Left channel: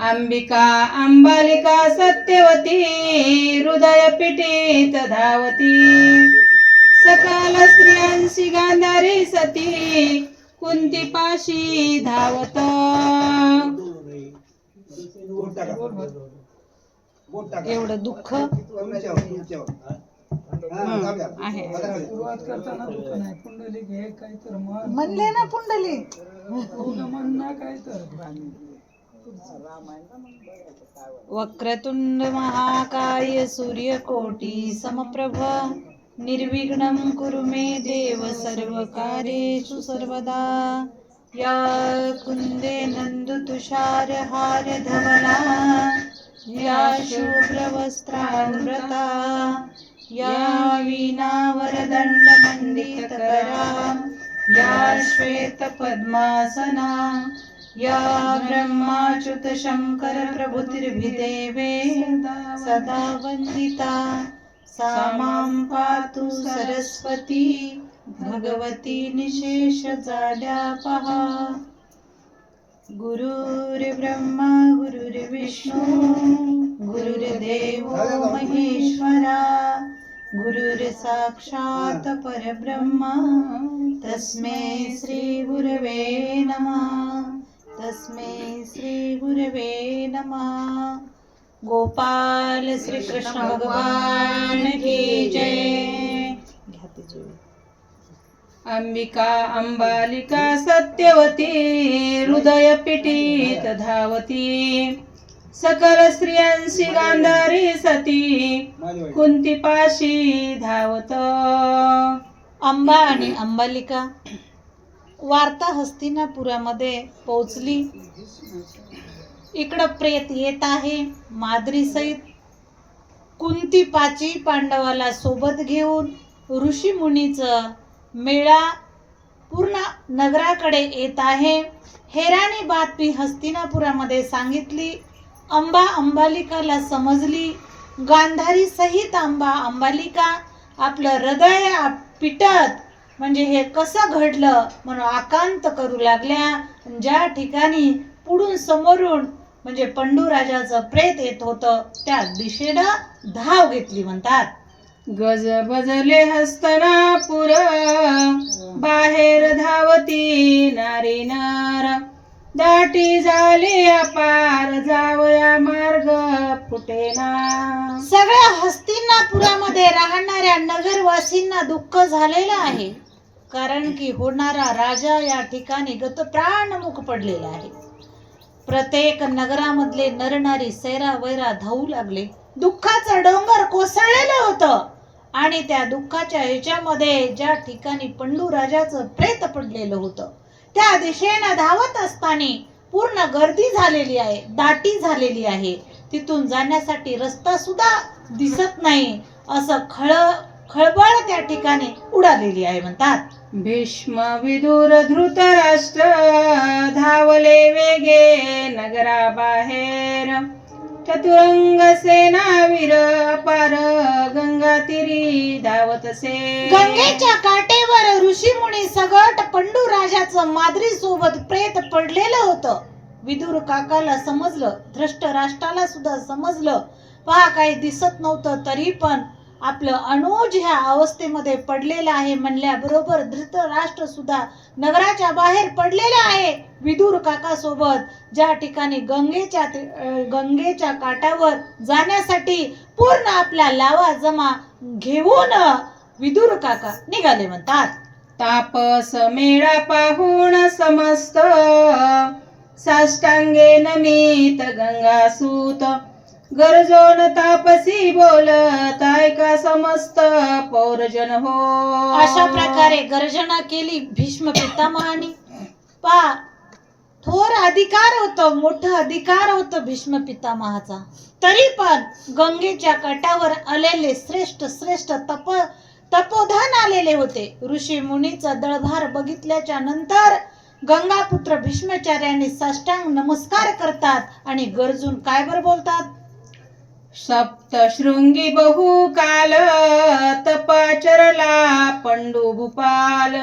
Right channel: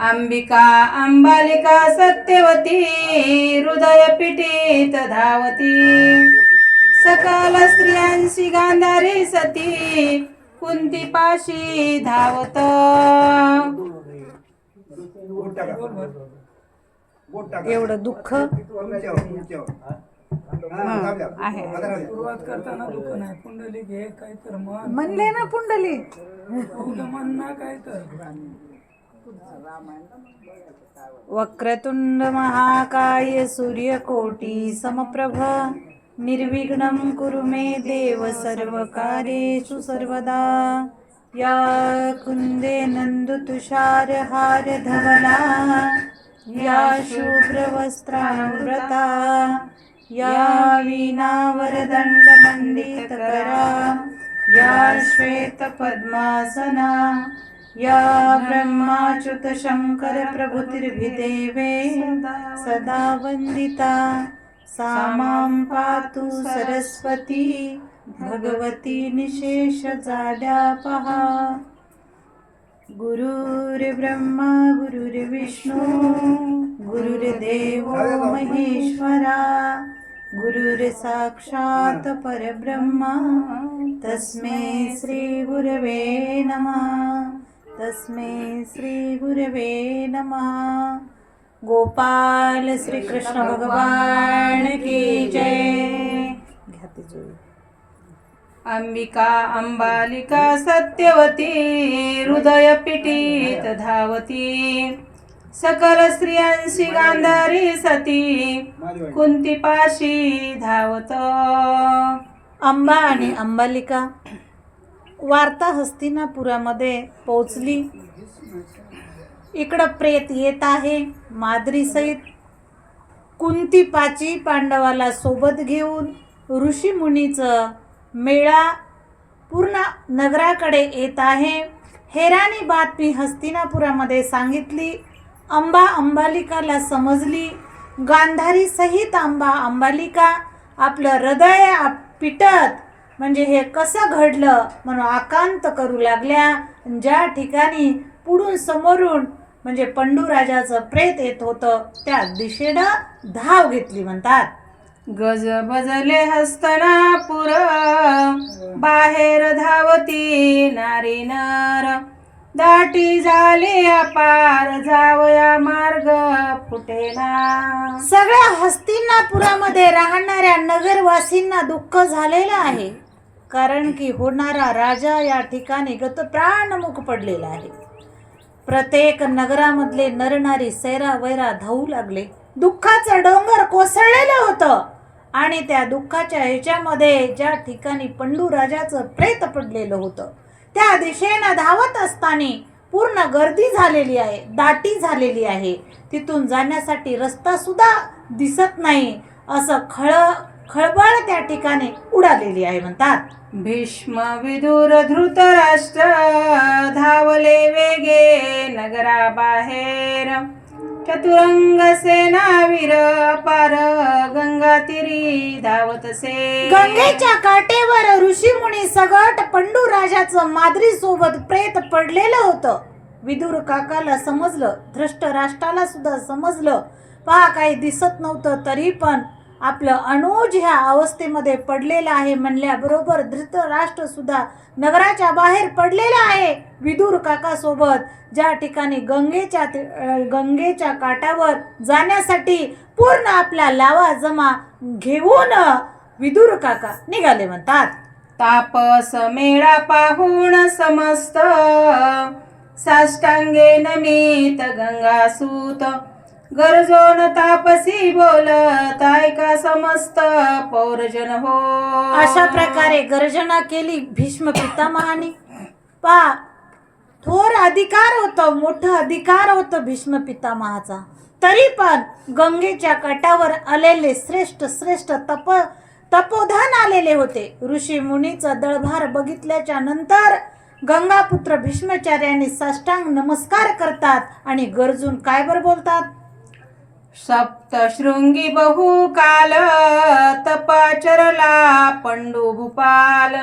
अंबिका अंबालिका सत्यवती हृदय पीठित धावती सकल स्त्रियांशी गांधारी सती कुंती पाशी धावत एवढं दुःख आहे. सुरुवात करताना दुःख नाही. पुंडलिक हे काय तर मन म्हणले ना पुंडलिक मन ना काय तर वक्रतुंड महाकाय सूर्यकोटी समप्रभ निर्विघ्नं कुरु मे देव सर्वकार्येषु सर्वदा या कुंदे नंदुतुषार हार धवला या शुभ्रवस्त्रावृता या वीणा वरदंड मंडितकरा या श्वेत पद्मासना या ब्रह्माच्युत शंकर प्रभुतिर्भिदेवे सदा वंदिता सा मां पातु सरस्वती भगवती निशेष जाड्या पहा गुरुर्ब्रह्मा गुरुर्विष्णू गुरुर्देवो महेश्वरा गुरुर्साक्षात् परब्रह्मा तस्मै श्री गुरवे नमः तस्मै श्री गुरवे नमः। गोपाल श्री कृष्ण भगवान की जय। अंबिका अंबालिका सत्यवती हृदय पीठित धावती सकल स्त्रियांशी गांधारी सती कुंती पाशी धावत। अंबा आणि अंबालिका वार्ता हस्तिनापुरामध्ये पोहोचली। इकडं प्रेत येत आहे माद्री सहित कुंती पाची पांडवाला सोबत घेऊन ऋषी मुनीचं मेळा पूर्ण नगराकडे येत आहे। हेरानी बातमी हस्तिनापुरामध्ये सांगितली। अंबा अंबालिकाला समजली। गांधारी सहित अंबा अंबालिका आपलं हृदय पिटत म्हणजे हे कसं घडलं म्हणून आकांत करू लागल्या। ज्या ठिकाणी पुढून समोरून म्हणजे पंडूराजाचं प्रेत येत होतं त्या दिशेनं धाव घेतली म्हणतात। गज बजले हस्तनापुर बाहेर धावती नारी नर दाटी झाली अपार जावया मार्ग फुटेना। सगळ्या हस्तिनापुरामध्ये राहणाऱ्या नगरवासींना दुःख झालेलं आहे कारण की होणारा राजा या ठिकाणी गतप्राणमुख पडलेला आहे। प्रत्येक नगरामधले नरनारी सैरा वैरा धावू लागले। दुःखाचं डोंगर कोसळलेलं होतं आणि त्या दुःखाच्या ह्याच्यामध्ये ज्या ठिकाणी पंडू राजाचं प्रेत पडलेलं होतं त्या दिशेनं धावत असताना पूर्ण गर्दी झालेली आहे, दाटी झालेली आहे। तिथून जाण्यासाठी रस्ता सुद्धा दिसत नाही असं खळबळ त्या ठिकाणी उडालेली आहे म्हणतात। भीष्म विदुर धृतराष्ट्र धावले वेगे नगराबाहेर चतुरंग सेनावीर अपार गंगा तीरी धावतसे। गंगेच्या काठेवर ऋषी मुनी सगट पंडू राजाचं माद्री सोबत प्रेत पडलेलं होतं। विदुर काकाला समजलं, धृष्टराष्ट्राला सुद्धा समजलं। पहा काही दिसत नव्हतं तरी पण आपलं अनुज ह्या अवस्थेमध्ये पडलेलं आहे म्हणल्याबरोबर धृतराष्ट्र सुद्धा नगराच्या बाहेर पडलेला आहे विदुर काका सोबत। ज्या ठिकाणी गंगेच्या काठावर जाण्यासाठी पूर्ण आपला लावा जमा घेऊन विदुर काका निघाले म्हणतात। तापस मेळा पाहून समस्त साष्टांगे नमित गंगासूत गरजोन तापसी बोलत ऐका समस्त पौरजन हो। अशा प्रकारे गर्जना केली भीष्म पितामहानी। पहा थोर अधिकार होतं, मोठं अधिकार होतं भीष्म पितामहाचा। तरी पण गंगेच्या काठावर आलेले श्रेष्ठ श्रेष्ठ तपोधन आलेले होते। ऋषी मुनीचा दळभार बघितल्याच्या नंतर गंगापुत्र भीष्माचार्यांनी साष्टांग नमस्कार करतात आणि गरजून काय बर बोलतात। सप्तशृंगी बहुकाल तपाचरला पंडू भूपाल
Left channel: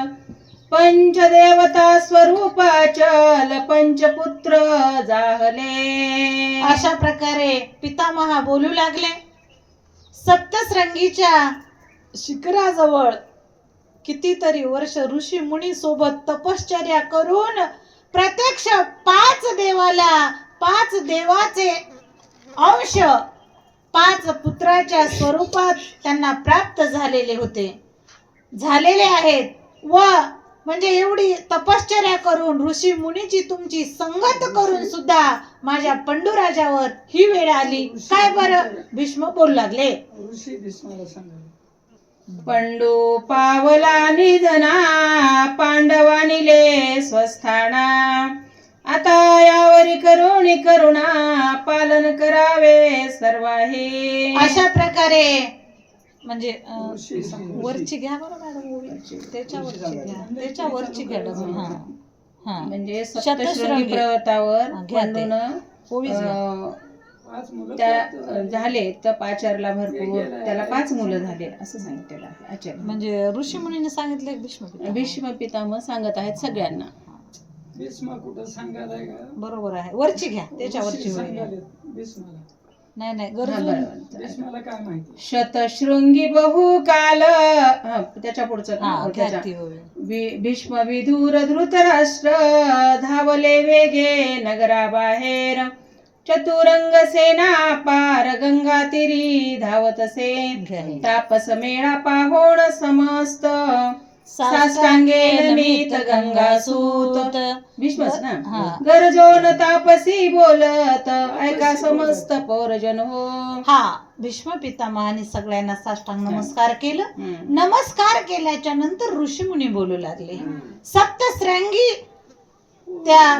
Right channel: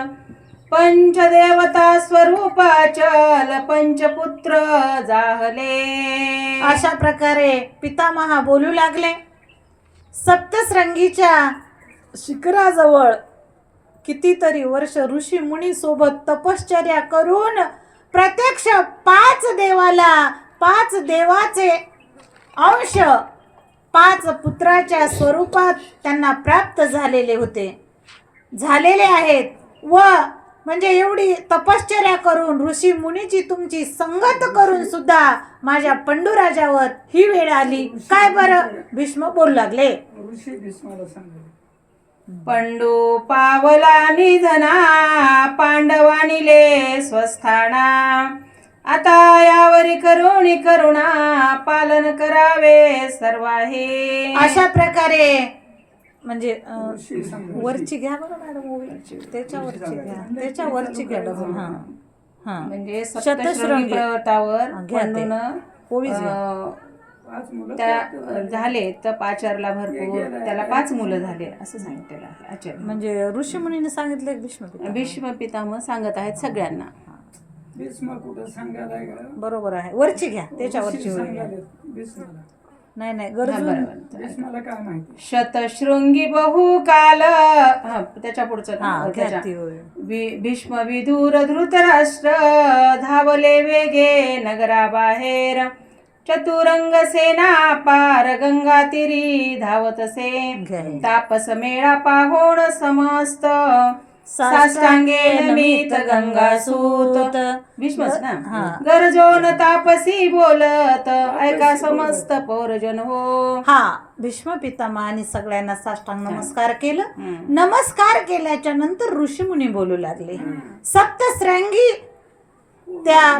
पंचदेवता स्वरूपाचल पंचपुत्र जाहले. अशा प्रकारे पितामहा बोलू लागले. सप्तशृंगीच्या शिखराजवळ कितीतरी वर्ष ऋषी मुनी सोबत तपश्चर्या करून प्रत्यक्ष 5 देवाला 5 देवाचे अंश 5 पुत्राच्या स्वरूपात त्यांना प्राप्त झालेले आहेत. व म्हणजे एवढी तपश्चर्या करून ऋषी मुनीची तुमची संगत करून सुद्धा माझ्या पंडूराजावर ही वेळ आली. काय बरं? भीष्म बोलू लागले. ऋषी भीष्माला सांगायला पंडू पावला निधना पांडवानिले स्वस्थाना. आता यावरी करुणी करुणा पालन करावे सर्वाहे. अशा प्रकारे म्हणजे ऋषी सांगायला वरची घ्या बरं मॅडम ओळीची. त्याच्यावरची घ्या डबल. हा हा म्हणजे शतशृंगी सप्तशृंगी पर्वतावर घ्या ते. पंडून ओवीच घ्या. 5 मुलं त्या झाले तर आचार्यला भरपूर त्याला 5 मुलं झाले असं सांगितलेलं आहे आचार्य. म्हणजे ऋषी मुनीने सांगितले भीष्म पितामह. भीष्म पितामह सांगत आहेत सगळ्यांना. भीष्म कुठं सांगायला का बरोबर आहे. वरची घ्या त्याच्यावरची ऋषी ओळी घ्या. सांगायले भीष्माला. नाही हा, गरजून बरोबर. भीष्माला काय माहिती? शतशृंगी बहुकाल त्याच्या पुढचं हा घ्या त्याच्या. ती ओळी. भीष्म विदुर धृतराष्ट्र धावले वेगे नगराबाहेर. चतुरंग सेना पार गंगा तिरी धावतसे. घ्या हे. तापस मेळा पाहोण समस्त साष्टांगे नमित गंगासूत. भीष्मच हा. ना. गरजोन तापसी बोलत ऐका समस्त पौरजन हो. हा भीष्म पितामहाने सगळ्यांना साष्टांग नमस्कार केलं. हम्म. नमस्कार केल्याच्या नंतर ऋषीमुनी बोलू लागले. सप्तशृंगी त्या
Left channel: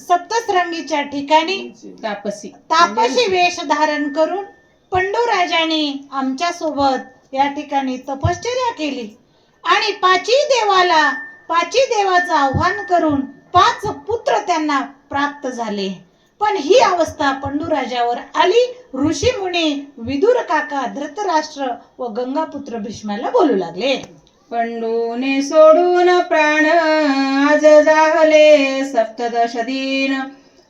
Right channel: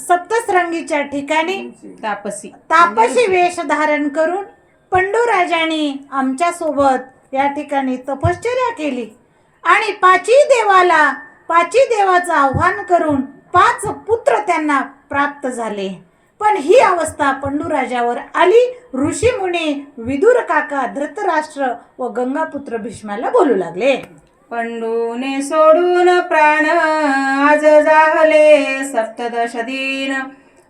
सप्तशृंगीच्या ठिकाणी तापसी वेश धारण करून पंडूराजांनी आमच्या सोबत या ठिकाणी तपश्चर्या केली आणि 5 देवाचं आव्हान करून 5 पुत्र त्यांना प्राप्त झाले. पण ही अवस्था पंडूराजावर आली. ऋषी मुनी विदुर काका धृतराष्ट्र व गंगापुत्र भीष्माला बोलू लागले. पंडूने सोडून प्राण आज जाहले 17 दिन.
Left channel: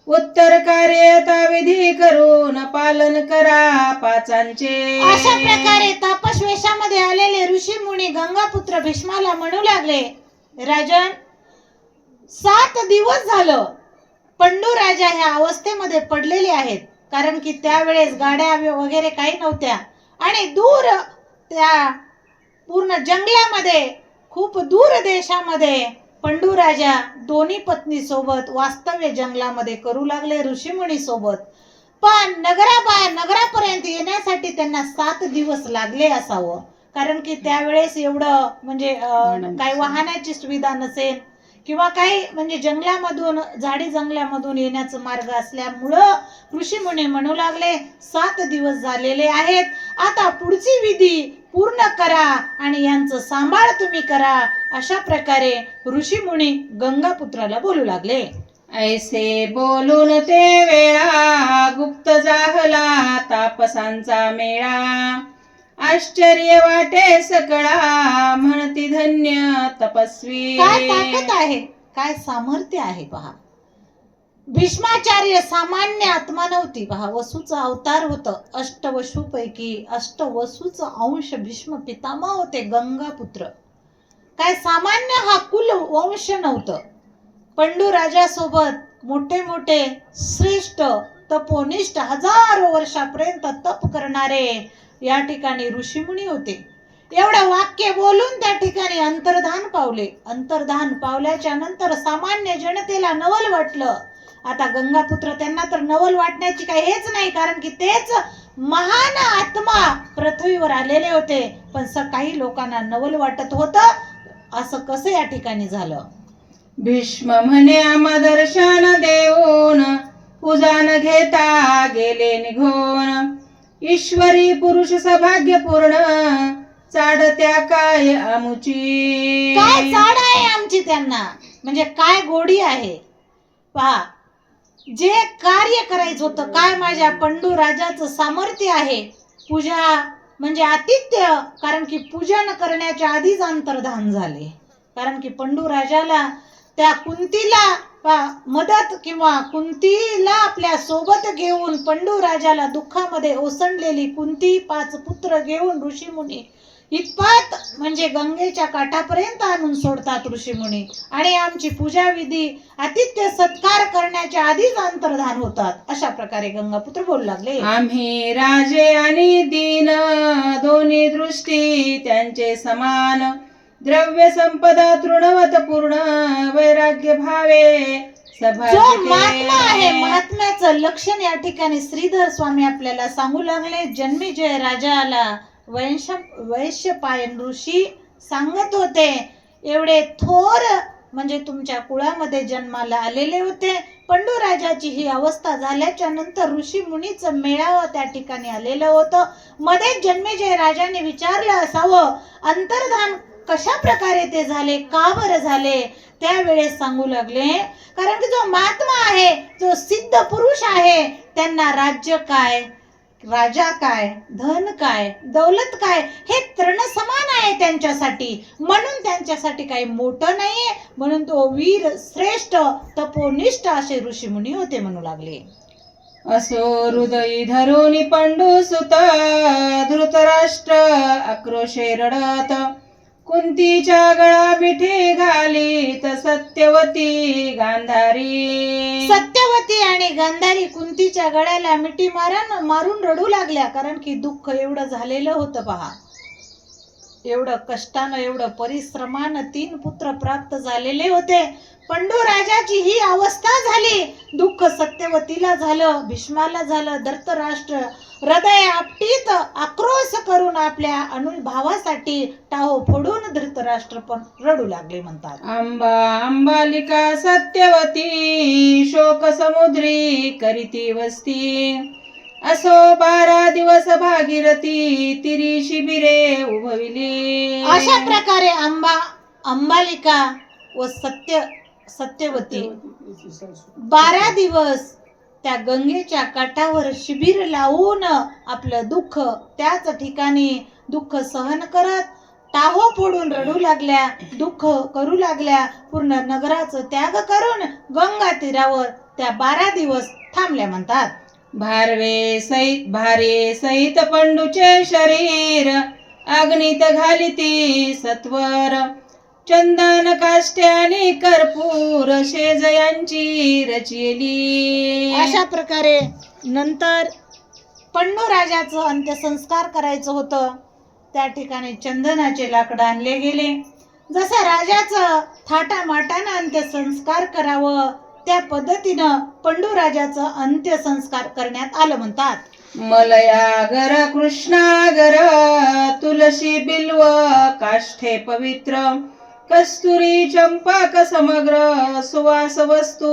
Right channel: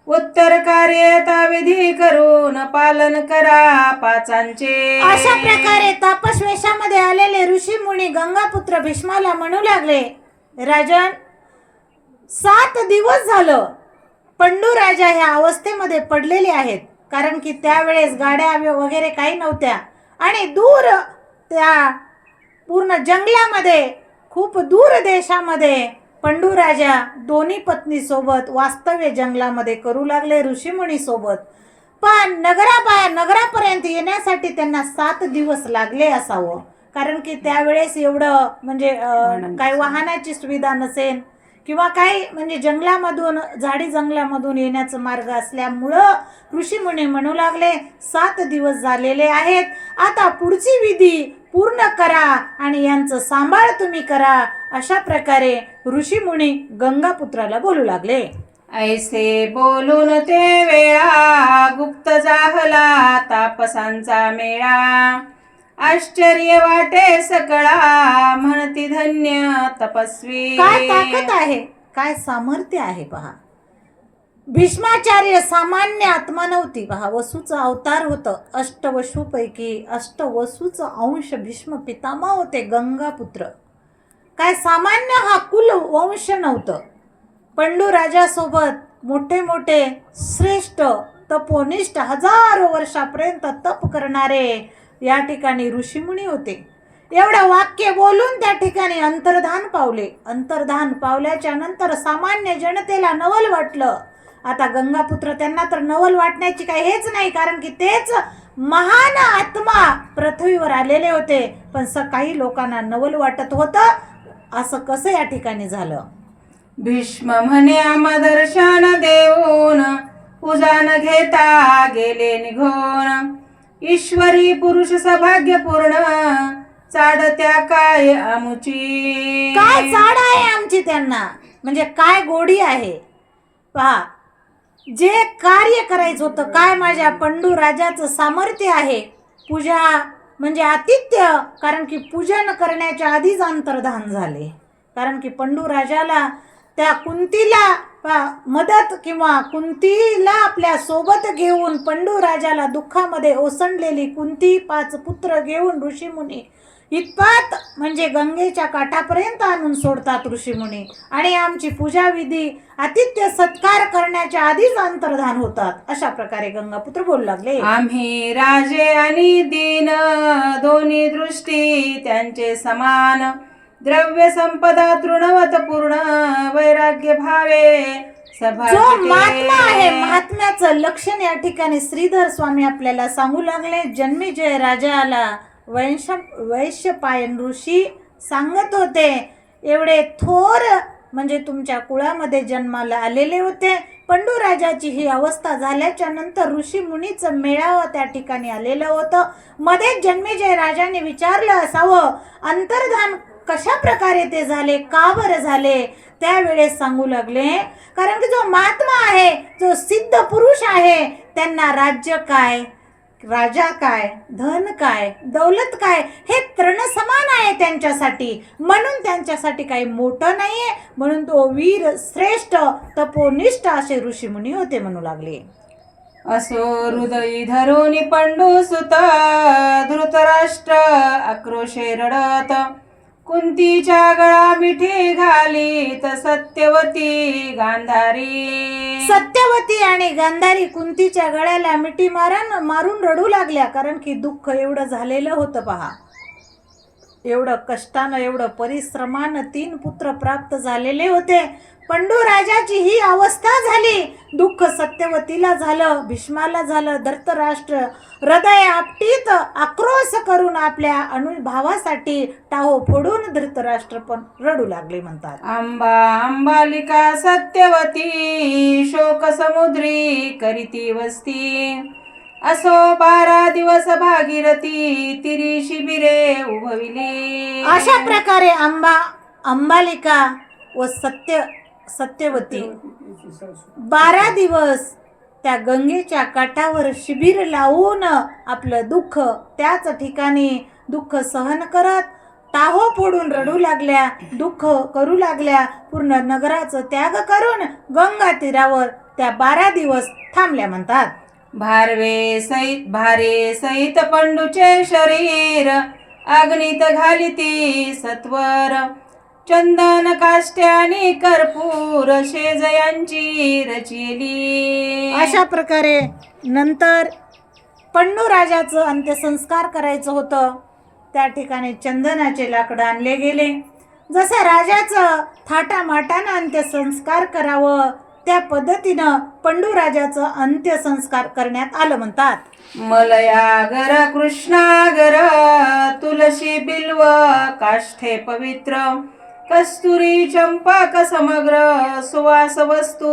उत्तर कार्य विधी करून पालन करा 5. अशा प्रकारे तापस्वेशामध्ये आलेले ऋषी मुनी गंगापुत्र भीष्माला म्हणू लागले. राजन, 7 दिवस झालं पंडू राजा ह्या अवस्थेमध्ये पडलेले आहेत. कारण की त्यावेळेस गाड्या वगैरे काही नव्हत्या आणि दूर त्या पूर्ण जंगलामध्ये खूप दूर देशामध्ये पंडू राजा दोन्ही पत्नी सोबत वास्तव्य जंगलामध्ये करू लागले ऋषीमुनी सोबत. पण नगरापर्यंत येण्यासाठी त्यांना 7 दिवस लागले असावं. कारण की त्यावेळेस एवढं म्हणजे काही वाहनाची सुविधा नसेल किंवा काही म्हणजे झाडी जंगलामधून येण्याचा मार्ग असल्यामुळं ऋषीमुनी म्हणू लागले 7 दिवस झालेले आहेत. आता पुढची विधी पूर्ण करा आणि यांचं सांभाळ तुम्ही करा. अशा प्रकारे ऋषीमुनी गंगापुत्राला बोलू लागले. ऐसे बोलून ते वेळा गुप्त जाहला तापसांचा मेळा. आश्चर्य वाटे सकळा म्हणती धन्य तपस्वी. काय ताकद आहे, काय सामर्थ्य आहे पहा. भीष्माचार्य सामान्य आत्मा नव्हती पहा. वसूचा अवतार होतं. अष्टवसूपैकी अष्टवसूचा अंश भीष्म पितामह होते गंगापुत्र. काय सामान्य हा कुल वंश नव्हतं. पंडू राजासोबत मोठे मोठे श्रेष्ठ तपोनिष्ठ हजारो वर्षापर्यंत तप करणारे या ठिकाणी ऋषीमुनी होते. एवढं वाक्य बोलून त्या ठिकाणी अंतर्धान पावले. अंतर्धान पावल्याच्या नंतर सामान्य जनतेला नवल वाटलं. आता गंगापुत्र त्यांना तर नवल वाटण्याची काही हेच नाही, कारण की तेच महान आत्मा पृथ्वीवर आलेले होते. पण काही लोकांना नवल वाटत होतं. असं कसं या ठिकाणी झालं? भीष्म म्हणे आम्हा दर्शन देऊन उजान घेता गेले निघून. ईश्वरी पुरुष सौभाग्यपूर्ण चाडत्या काय आमुची. काय चाड आहे आमची त्यांना, म्हणजे काय गोडी आहे पहा. जे कार्य करायचं होतं, काय माझ्या पंडू राजाचं सामर्थ्य आहे. पूजा म्हणजे आतिथ्य, कारण की पूजन करण्याच्या आधीच अंतर्धान झाले. कारण की पंडू राजाला त्या कुंतीला मदत किंवा कुंतीला आपल्या सोबत घेऊन पंडू राजाला दुःखामध्ये ओसंडलेली कुंती 5 पुत्र घेऊन ऋषीमुनी इतपत म्हणजे गंगेच्या काठापर्यंत आणून सोडतात ऋषीमुनी. आणि आमची पूजा विधी आतिथ्य सत्कार करण्याच्या आधीच अंतर्धान होतात. अशा प्रकारे गंगापुत्र बोलू लागले. आम्ही राजे आणि दीन दोन्ही दृष्टी त्यांचे समान, द्रव्य संपदा तृणवत पूर्ण, वैराग्य भावे जो महात्मा आहे, सभाजिते. महात्म्याचं लक्षण या ठिकाणी श्रीधर स्वामी आपल्याला सांगू लागले. जन्मेजय राजाला वैश्यपायन ऋषी सांगत होते, एवढे थोर म्हणजे तुमच्या कुळामध्ये जन्माला आलेले होते. पंडू राजाची ही अवस्था झाल्याच्या नंतर ऋषी मुनीचं मेळावं त्या ठिकाणी आलेलं होतं. मध्ये जन्मेजय राजाने विचारलं असावं, अंतर्धान कशा प्रकारे ते झाले, का बरं झाले. त्यावेळेस सांगू लागले, कारण की जो महात्मा आहे, जो सिद्ध पुरुष आहे, त्यांना राज्य काय, राजा काय, धन काय, दौलत काय, हे तृण समान आहे त्यांच्यासाठी. म्हणून त्यांच्यासाठी काही मोठं नाहीये. म्हणून तो वीर श्रेष्ठ तपोनिष्ठ असे ऋषीमुनी होते म्हणू लागले. असो हृदयी धरून पंडू सुत, धृतराष्ट्र आक्रोशे रडत, कुंतीच्या गळा मिठी घालीत सत्यवती गांधारी. सत्यवती आणि गांधारी कुंतीच्या गळ्याला मिठी मारून रडू लागल्या. कारण की दुःख एवढं झालेलं होतं पहा. एवढं कष्टानं, एवढं परिश्रमानं 3 पुत्र प्राप्त झालेले होते. पंडू राजाची ही अवस्था झाली. दुःख सत्यवतीला झालं, भीष्माला झालं. धृतराष्ट्र हृदय आपटीत आक्रोश करून आपल्या अनुभावासाठी टाहो फोडून धृतराष्ट्र पण रडू लागले म्हणतात. अंबालिका सत्यवती शोक समुद्री करीती वस्ती, असो 12 दिवस भागीरथी तिरी शिबिरे उभविली. अशा प्रकारे अंबालिका व सत्यवती 12 दिवस त्या गंगेच्या काठावर शिबिर लावून आपलं दुःख त्याच ठिकाणी दुःख सहन करत टाहो फोडून रडू लागल्या, दुःख करू लागल्या. पूर्ण नगराचं त्याग करून गंगा तीरावर त्या 12 दिवस थांबल्या म्हणतात. भारे सहित पंडूचे शरीर अग्नीत घालिती सत्वर, चंदन काष्ट्याने कर्पूर शेजयांची रचिली. अशा प्रकारे नंतर पंडू राजाचं अंत्यसंस्कार करायचं होतं. त्या ठिकाणी चंदनाचे लाकडं आणले गेले. जसं राजाचं थाटामाटानं अंत्यसंस्कार करावं त्या पद्धतीनं पंडू राजाचं अंत्यसंस्कार करण्यात आलं म्हणतात. मलयागर कृष्णागर तुलसी बिल्व काष्ठे पवित्र, कस्तुरी चंपक समग्र सुवास वस्तू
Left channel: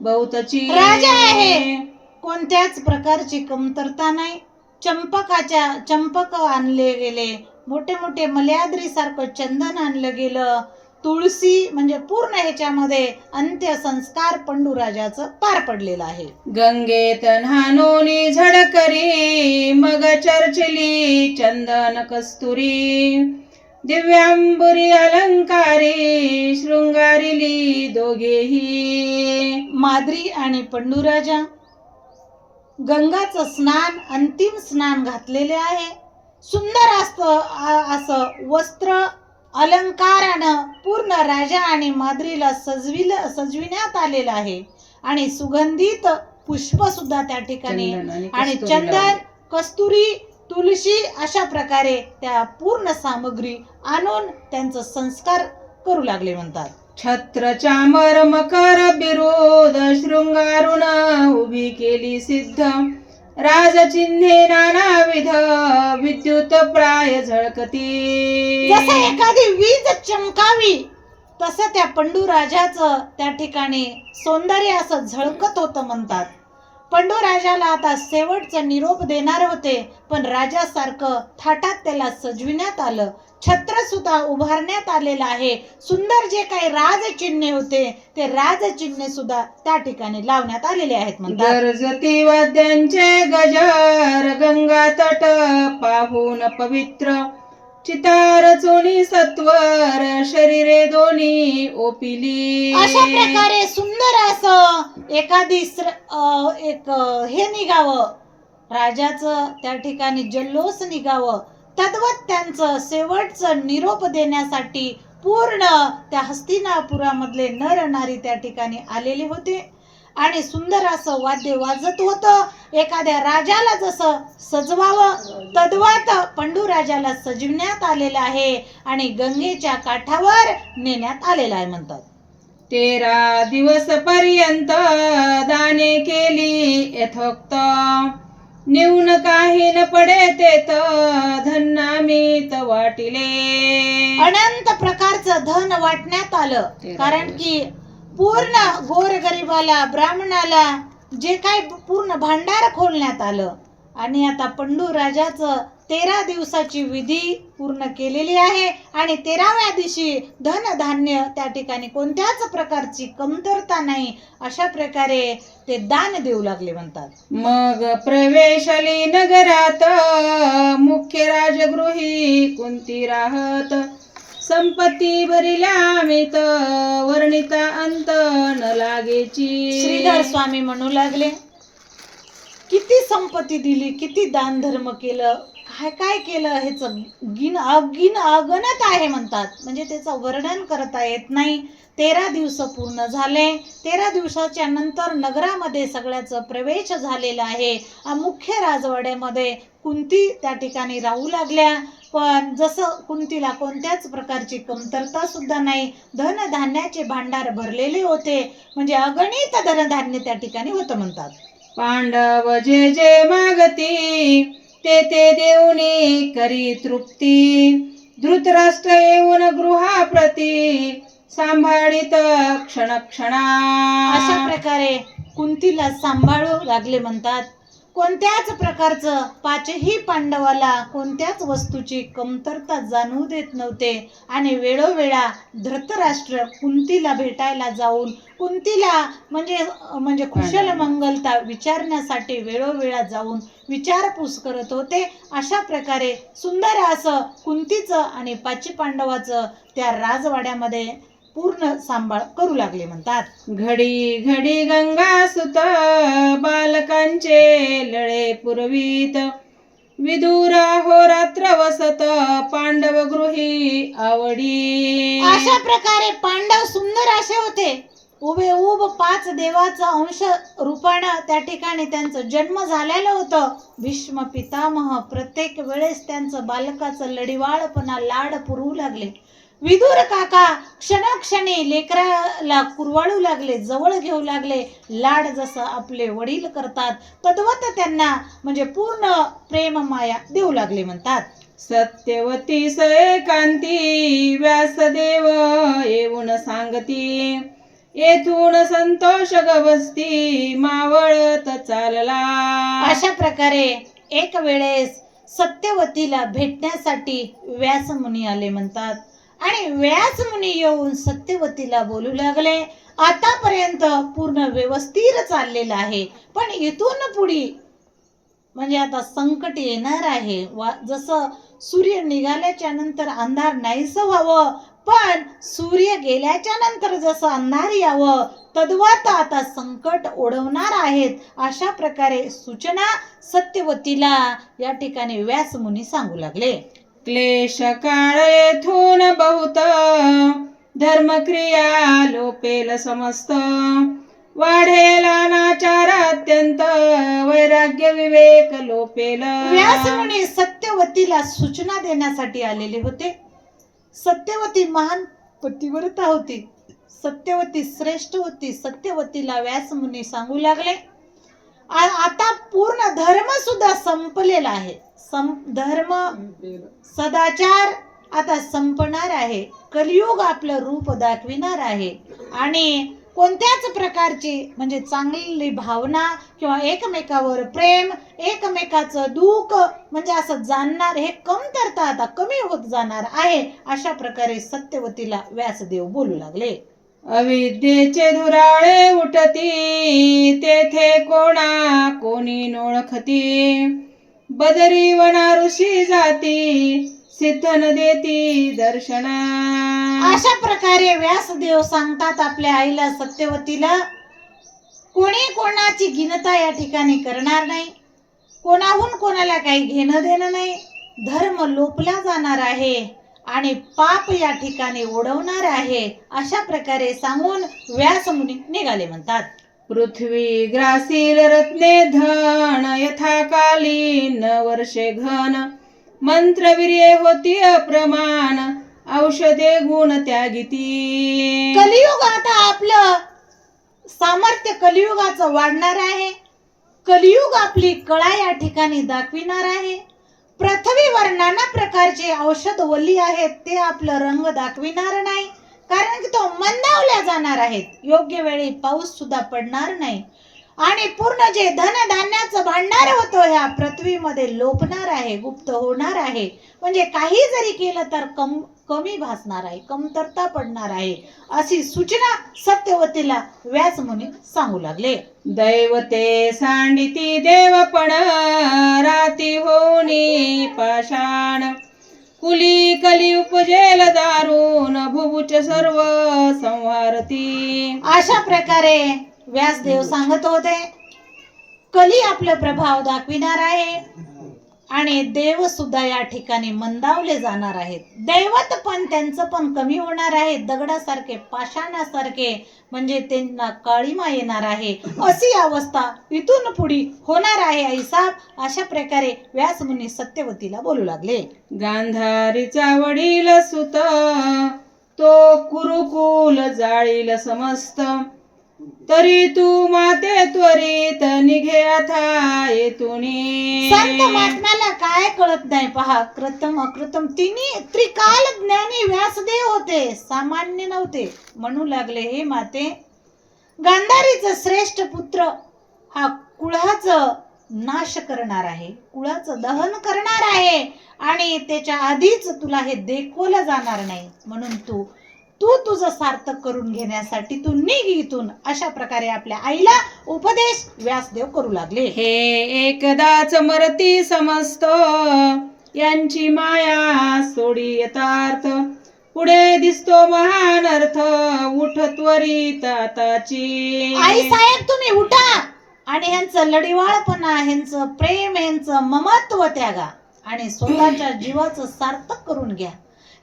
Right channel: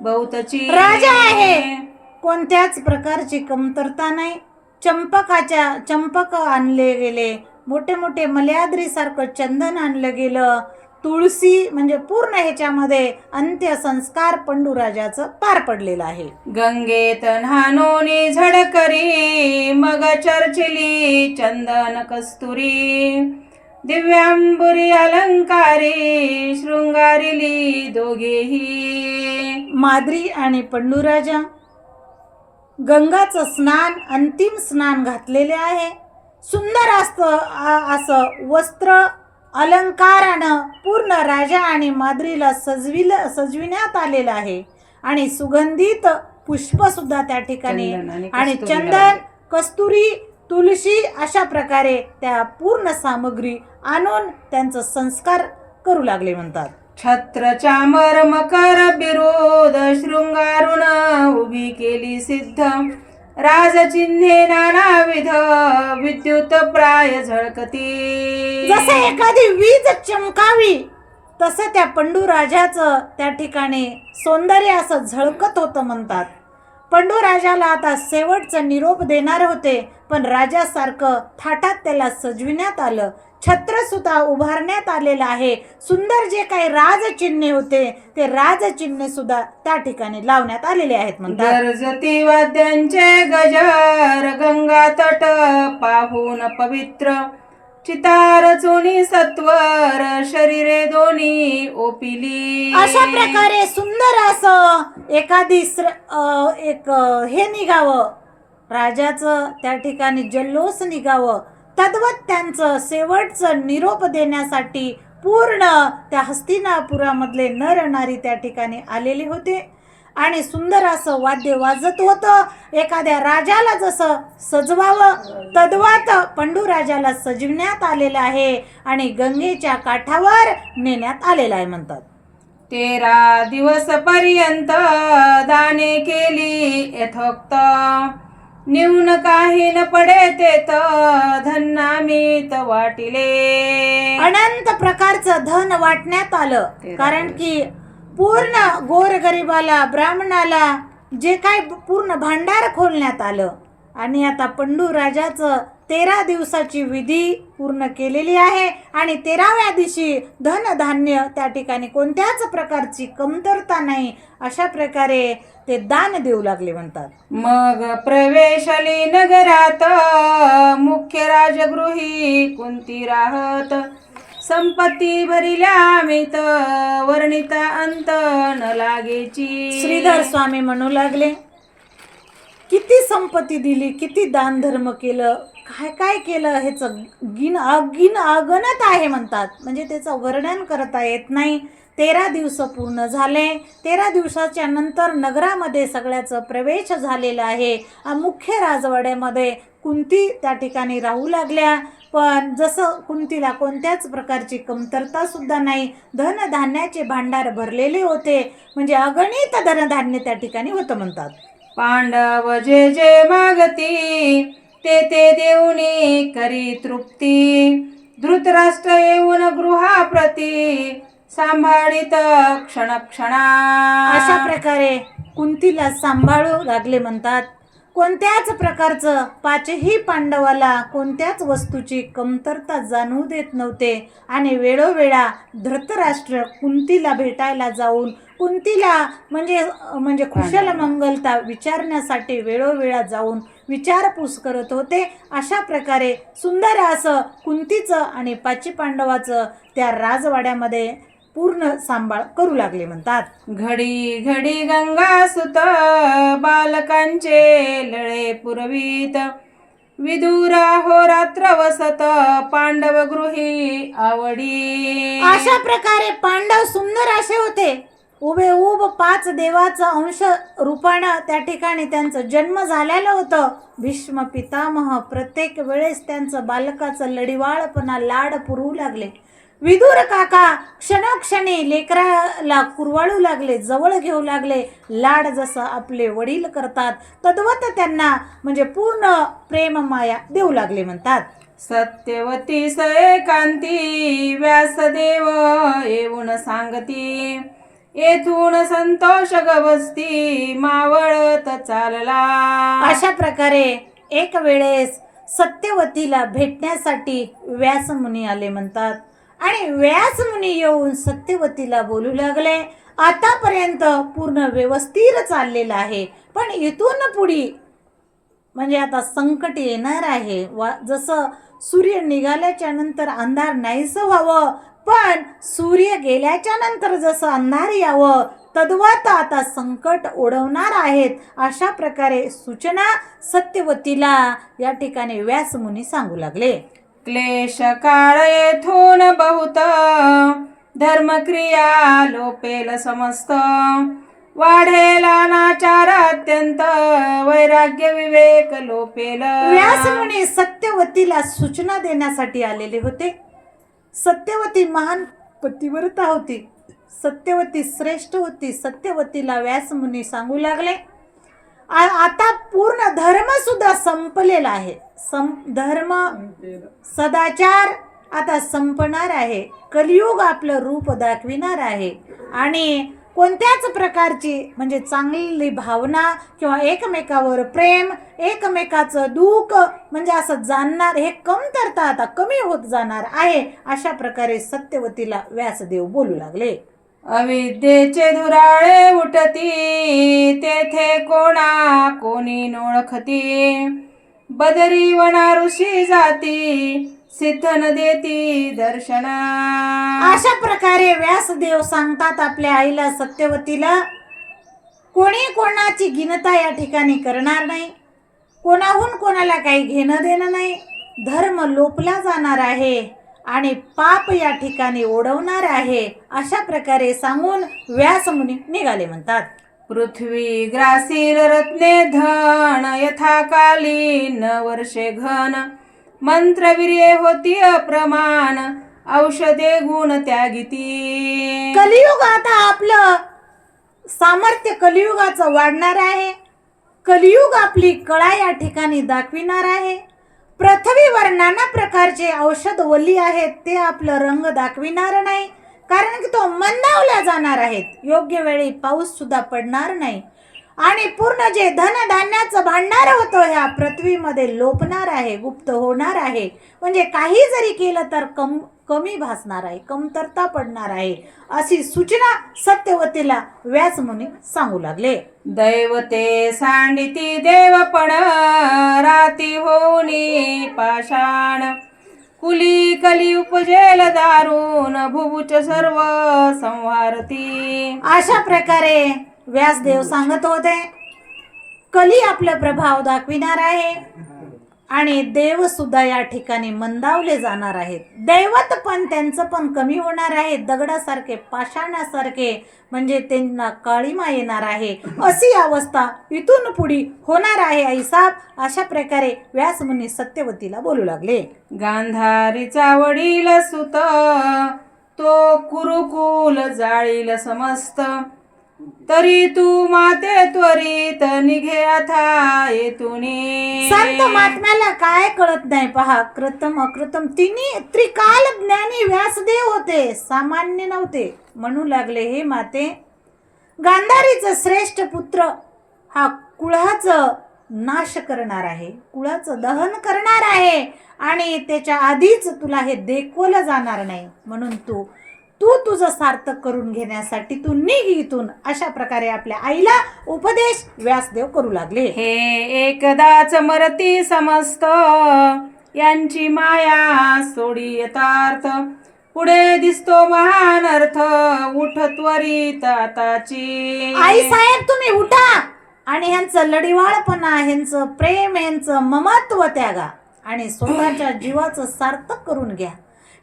बहुतची. राजा आहे, कोणत्याच प्रकारची कमतरता नाही. चंपक आणले गेले, मोठे मोठे मल्याद्री सारखं चंदन आणलं गेलं, तुळशी म्हणजे पूर्ण ह्याच्यामध्ये अंत्यसंस्कार पंडू राजाचं पार पडलेलं आहे. गंगेत न्हानोनी झडकरी मग चर्चिली चंदन कस्तुरी, दिव्यांबुरी अलंकारी शृंगारिली दोघेही. माद्री आणि पंडू राजा गंगाचं स्नान, अंतिम स्नान घातलेले आहे. सुंदर असं वस्त्र अलंकारानं पूर्ण राजा आणि माद्रीला सजविण्यात आलेलं आहे. आणि सुगंधित पुष्प सुद्धा त्या ठिकाणी आणि चंदन, कस्तुरी, तुळशी अशा प्रकारे त्या पूर्ण सामग्री आणून त्यांचं संस्कार करू लागले म्हणतात. छत्र चामर मकर बिरोध शृंगारून उभी केली सिद्ध, राजचिन्हे नानाविध विद्युत प्राय झळकती. जसे एखादी वीज चमकावी तसं त्या पंडू राजाचं त्या ठिकाणी सौंदर्य असं झळकत होतं म्हणतात. पंडू राजाला आता शेवटचा निरोप देणार होते, पण राजासारखं थाटात त्याला सजविण्यात आलं. छत्र सुद्धा उभारण्यात आलेलं आहे. सुंदर जे काही राजचिन्हे होते ते राजचिन्हे सुद्धा त्या ठिकाणी लावण्यात आलेले आहेत म्हणतात. गरजती वाद्यांचे गजर गंगा तट पाहून पवित्र, चितार चोनी सत्वर शरीरे दोन्ही ओपिली. अशा प्रकारे सुंदर असं एखादी हे निघावं, राजाचं त्या ठिकाणी जल्लोष निघावं, तद्वत त्यांचं शेवटचं निरोप देण्यासाठी पूर्ण त्या हस्तिनापुरामधले नर नारी त्या ठिकाणी आलेले होते आणि सुंदर असं वाद्य वाजत होतं. एखाद्या राजाला जसं सजवावं तद्वत पंडू राजाला सजविण्यात आलेलं आहे आणि गंगेच्या काठावर नेण्यात आलेलं आहे म्हणतात. 13 दिवस पर्यंत दाने केली यथोक्त, नेऊन काही न पडे तेत धन्नामीत वाटिले. अनंत प्रकारचं धन वाटण्यात आलं, कारण की पूर्ण गोरगरिबाला ब्राह्मणाला जे काय पूर्ण भांडार खोलण्यात आलं. आणि आता पंडू राजाचं 13 दिवसाची विधी पूर्ण केलेली आहे आणि 13व्या दिवशी धनधान्य त्या ठिकाणी कोणत्याच प्रकारची कमतरता नाही, अशा प्रकारे ते दान देऊ लागले म्हणतात. मग प्रवेशली नगरात मुख्य राजगृही कुंती राहत, संपत्ती भरिल्या मित वर्णिता अंत न लागेची. श्रीधर स्वामी म्हणू लागले, किती संपत्ती दिली, किती दान धर्म केलं, काय काय केलं, ह्याचं अगणत आहे म्हणतात. म्हणजे त्याचं वर्णन करता येत नाही. 13 दिवस पूर्ण झाले. 13 दिवसाच्या नंतर नगरामध्ये सगळ्याचं प्रवेश झालेला आहे. मुख्य राजवाड्यामध्ये कुंती त्या ठिकाणी राहू लागल्या. पण जसं कुंतीला कोणत्याच प्रकारची कमतरता सुद्धा नाही, धनधान्याचे भांडार भरलेले होते, म्हणजे अगणित धनधान्य त्या ठिकाणी होतं म्हणतात. पांडव जे जे मागती ते ते देऊनी करी तृप्ती, धृतराष्ट्र येऊन गृहाप्रती सांभाळीत क्षणक्षणा. अशा प्रकारे कुंतीला सांभाळू लागले म्हणतात. कोणत्याच प्रकारचं 5ही पांडवाला कोणत्याच वस्तूची कमतरता जाणवू देत नव्हते आणि वेळोवेळा धृतराष्ट्र कुंतीला भेटायला जाऊन कुंतीला म्हणजे कुशल मंगलता विचारण्यासाठी वेळोवेळा जाऊन विचारपूस करत होते. अशा प्रकारे सुंदर असं कुंतीचं आणि 5 पांडवाचं त्या राजवाड्यामध्ये पूर्ण सांभाळ करू लागले म्हणतात. घडी घडी गंगा सुत बालकांचे लळे पुरवीत, विदुर होरात्र वसत पांडव गृही आवडी. अशा प्रकारे पांडव सुंदर असे होते. उभे 5 देवाचा अंश रूपानं त्या ठिकाणी त्यांचं जन्म झालेलं होतं. भीष्म पितामह प्रत्येक वेळेस त्यांचं बालकाचं लढिवाळपणा लाड पुरवू लागले. विदुर काका क्षणोक्षणी लेकराला कुरवाळू लागले, जवळ घेऊ लागले. लाड जसं आपले वडील करतात तद्वत त्यांना म्हणजे पूर्ण प्रेम माया देऊ लागले म्हणतात. सत्यवती सएकांती व्यासदेव येऊन सांगती, येथून संतोष गवस्ती मावळत चालला. अशा प्रकारे एक वेळेस सत्यवतीला भेटण्यासाठी व्यासमुनी आले म्हणतात आणि व्यासमुनी येऊन सत्यवतीला बोलू लागले, आतापर्यंत पूर्ण व्यवस्थित चाललेलं आहे, पण इथून पुढे म्हणजे आता संकट येणार आहे. जसं सूर्य निघाल्याच्या नंतर अंधार नाहीसं व्हावं, पण सूर्य गेल्याच्या नंतर जसं अंधार यावं तद्वत आता संकट ओढवणार आहेत. अशा प्रकारे सूचना सत्यवतीला या ठिकाणी व्यासमुनी सांगू लागले. क्लेश काळ येथून बहुत धर्मक्रिया लोपेल समस्त, वाढेला नाचार अत्यंत वैराग्य विवेक लोपेल. व्यासमुनी सत्यवतीला सूचना देण्यासाठी आलेले होते. सत्यवती महान पतिव्रता होती, सत्यवती श्रेष्ठ होती. सत्यवतीला व्यासमुनी सांगू लागले, आता पूर्ण धर्म सुद्धा संपलेला आहे. धर्म सदाचार आता संपणार आहे. कलियुग आपलं रूप दाखविणार आहे आणि कोणत्याच प्रकारची म्हणजे चांगली भावना किंवा एकमेकावर प्रेम, एकमेकाचं दुःख म्हणजे असं जाणणार हे कमतरता आता कमी होत जाणार आहे. अशा प्रकारे सत्यवतीला व्यासदेव बोलू लागले. अविद्येचे धुराळे उठती तेथे कोणा कोणी नोळखती, बदरी वना ऋषी जाती सिद्ध न देती दर्शना. अशा प्रकारे व्यासदेव सांगतात आपल्या आईला सत्यवतीला, कोणी कोणाची गिनता या ठिकाणी करणार नाही, कोणाहून कोणाला काही घेणं देणं नाही, धर्म लोपला जाणार आहे आणि पाप या ठिकाणी ओढवणार आहे. अशा प्रकारे सांगून व्यासमुनी निघाले. म्हणतात, पृथ्वी ग्रासील रत्ने धन यथाकालीन वर्षे घन. मंत्रवीर्ये होती अप्रमाण औषधे गुण त्यागिती. कलियुग आता आपलं सामर्थ्य कलियुगाचं वाढणार आहे. कलियुग आपली कळा या ठिकाणी दाखविणार आहे. पृथ्वीवर नाना प्रकारचे औषध वल्ली आहेत, ते आपलं रंग दाखविणार नाही, कारण की तो मंदावल्या जाणार आहेत. योग्य वेळी पाऊस सुद्धा पडणार नाही आणि पूर्ण जे धनधान्याचं भांडार होतं ह्या पृथ्वीमध्ये लोपणार आहे, गुप्त होणार आहे. म्हणजे काही जरी केलं तर कमी भासणार आहे, कमतरता पडणार आहे. अशी सूचना सत्यवतीला व्यासमुनी सांगू लागले. दैवते सांडिती देवपण राती होनी पाषाण. कुली कली उपजेल दारुण भुभुच सर्व संहारती. अशा प्रकारे व्यासदेव सांगत होते, कली आपला प्रभाव दाखविणार आहे आणि देव सुद्धा या ठिकाणी मंदावले जाणार आहेत. दैवत पण त्यांचं पण कमी होणार आहे. दगडासारखे, पाषाणासारखे, म्हणजे त्यांना काळीमा येणार आहे. अशी अवस्था इथून पुढे होणार आहे आईसाब. अशा प्रकारे व्यासमुनी सत्यवतीला बोलू लागले. गांधारीचा वडील सुत तो कुरुकुल जाळील समस्त. तरी तू माते त्वरित निघे अथा येतुनी. संत महात्म्याला काय कळत नाही पहा. कृतम अकृतम तिन्ही त्रिकाल ज्ञानी व्यासदेव होते, सामान्य नव्हते. म्हणू लागले, हे माते, गांधारीचा श्रेष्ठ पुत्र हा कुळाचं नाश करणार आहे, कुळाचं दहन करणार आहे आणि त्याच्या आधीच तुला हे देखवलं जाणार नाही. म्हणून तू तुझं सार्थक करून घेण्यासाठी तू निघ इथून. अशा प्रकारे आपल्या आईला उपदेश व्यासदेव करू लागले. हे एकदाच मरती समस्त यांची माया सोडी यथार्थ. पुढे दिसतो महान अर्थ उठ त्वरित आताची. आई साहेब, तुम्ही उठा आणि ह्यांचं लढीवाळपणा, ह्यांचं प्रेम, ह्यांचं ममत्व त्यागा आणि स्वतःच्या जीवाचं सार्थक करून घ्या.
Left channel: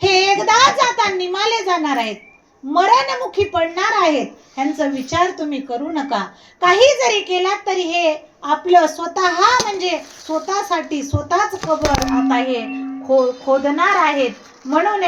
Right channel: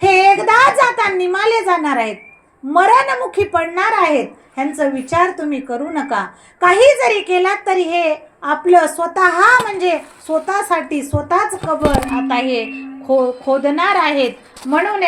हे एकदाच आता निमाले जाणार आहेत, मरणमुखी पडणार आहेत. ह्यांचा विचार तुम्ही करू नका. काही जरी केला तरी हे आपलं स्वतः, म्हणजे स्वतःसाठी स्वतःच कबर आता हे खोदणार आहेत. म्हणून